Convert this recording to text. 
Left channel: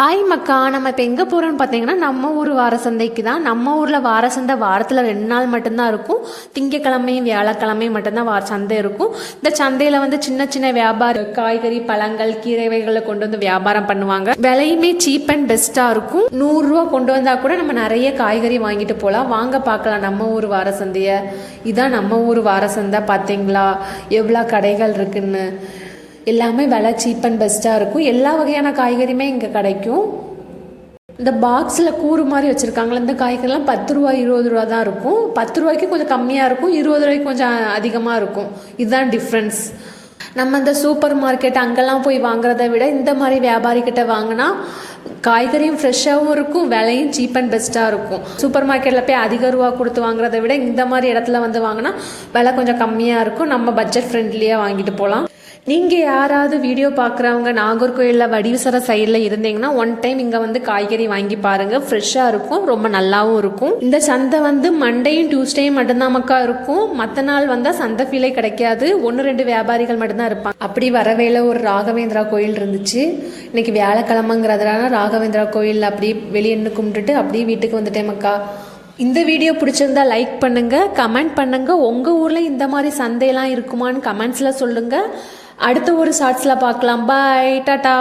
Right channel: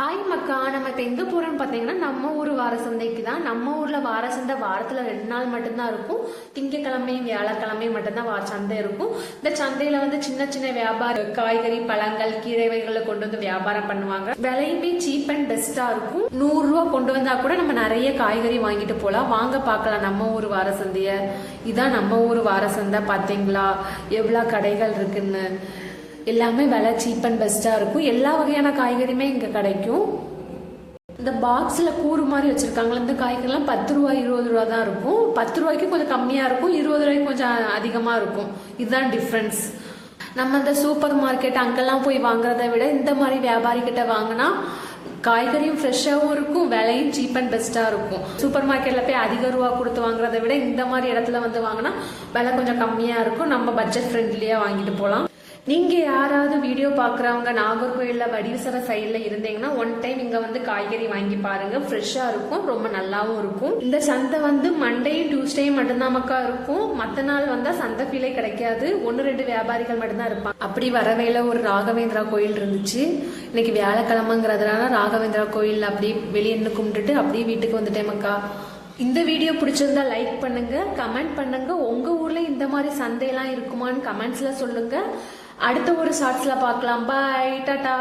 Hi மக்கா, நம்ம இப்போ எங்கே போகிறோன்னு பார்த்தீங்கன்னா நம்ம ஊர் வார சந்தைக்கு தான். நம்ம ஊரில் வார சந்தை வாரத்தில் 2 நாள் மட்டும்தான் இருக்கும். திங்கக்கிழமையும் வியாழக்கிழமையும் மட்டும்தான் சந்தை இருக்கும். இந்த சந்தையில் வந்து சின்ன சின்ன வியாபாரம், காய்கறி, பழங்கள், கீரை வகைகளை கொண்டு வந்து வியாபாரம் பண்ணுவாங்க. விலையுமே சீப் அண்ட் பெஸ்ட்டாக இருக்கும். 100 ரூபா கொண்டு வந்தால் கூட நம்ம நிறைய காய்கறி வாங்கிட்டு போகலாம். வாங்க பார்க்கலாம் நம்ம ஊர் வார சந்தையை. இதான் நம்ம ஊர் வார சந்தை. பார்த்தீங்களா எவ்வளோ கடைகள் இருக்குன்னு. எல்லாமே விலை சீப் அண்ட் பெஸ்ட்டாக இருக்கும். எல்லா வகையான காய்கறியுமே இங்கே கிடைக்கும். இந்த பாக்ஸில் கூறு மாதிரி வச்சுருக்காங்களே, இந்த காய்கறிலாம் 10 ரூபா 20 ரூபா தான் இருக்கும். 10 ரூபாய்க்கு கொஞ்சம் கம்மியாக இருக்கும், 20 ரூபாய்க்கு கொஞ்சம் அதிகமாக இருக்கும். இதுதான் டிஃப்ரென்ஸ். நம்ம இந்த சூப்பர் மார்க்கெட் அங்கெல்லாம் போய் வாங்குறத விட இந்த மாதிரி வியாபாரிக்கிட்ட வாங்கினா காய்கறியும் ஃப்ரெஷ்ஷாகவும் இருக்கும், விலையும் சீப் அண்ட் பெஸ்ட்டாக இருக்கும். சூப்பர் மார்க்கெட்டில் போய் அதிக ரூபா கொடுத்து வாங்குறத விட இந்த மாதிரி இடத்துல வந்து வாங்கினா விலை கொஞ்சம் கம்மியாக இருக்கும். நம்ம பட்ஜெட் ஃப்ரெண்ட்லியாக வாங்கிட்டு போகலாம். நீங்கள் யாராவது வீடியோ பார்க்குறவங்க நாகர்கோயிலில் வடிவசர சைடில் இருந்தீங்கன்னா ஒன் டைம் இங்கே வந்து காய்கறி வாங்கி பாருங்கள். ஃப்ரெஷ்ஷாக இருக்கும், ரொம்ப நல்லாவும் இருக்கும். இந்த சந்தை வந்து மண்டேயும் டியூஸ்டேயும் மட்டும்தான் மக்கா இருக்கும். மற்ற நாள் வந்தால் சந்தை ஃபீலே கிடைக்காது. 1-2 வியாபாரிகள் மட்டும்தான் இருப்பாங்க. அப்படி வரவேல ஒரு ராகவேந்திரா கோயில் இருந்துச்சு. இன்னைக்கு வியாழக்கிழமைங்கிறதுனால ராகவேந்திரா கோயில் அப்படி வெளியே கும்பிட்டுட்டு அப்படியே வீட்டுக்கு வந்துட்டேன் மக்கா. இந்த வீடியோ பிடிச்சிருந்தா லைக் பண்ணுங்க, கமெண்ட் பண்ணுங்க. உங்க ஊர்ல இந்த மாதிரி சந்தையெல்லாம் இருக்குமான்னு கமெண்ட்ஸ்ல சொல்லுங்க. அடுத்த ஒரு ஷார்ட்ஸ்ல பார்க்கலாம். பாய், டாடா.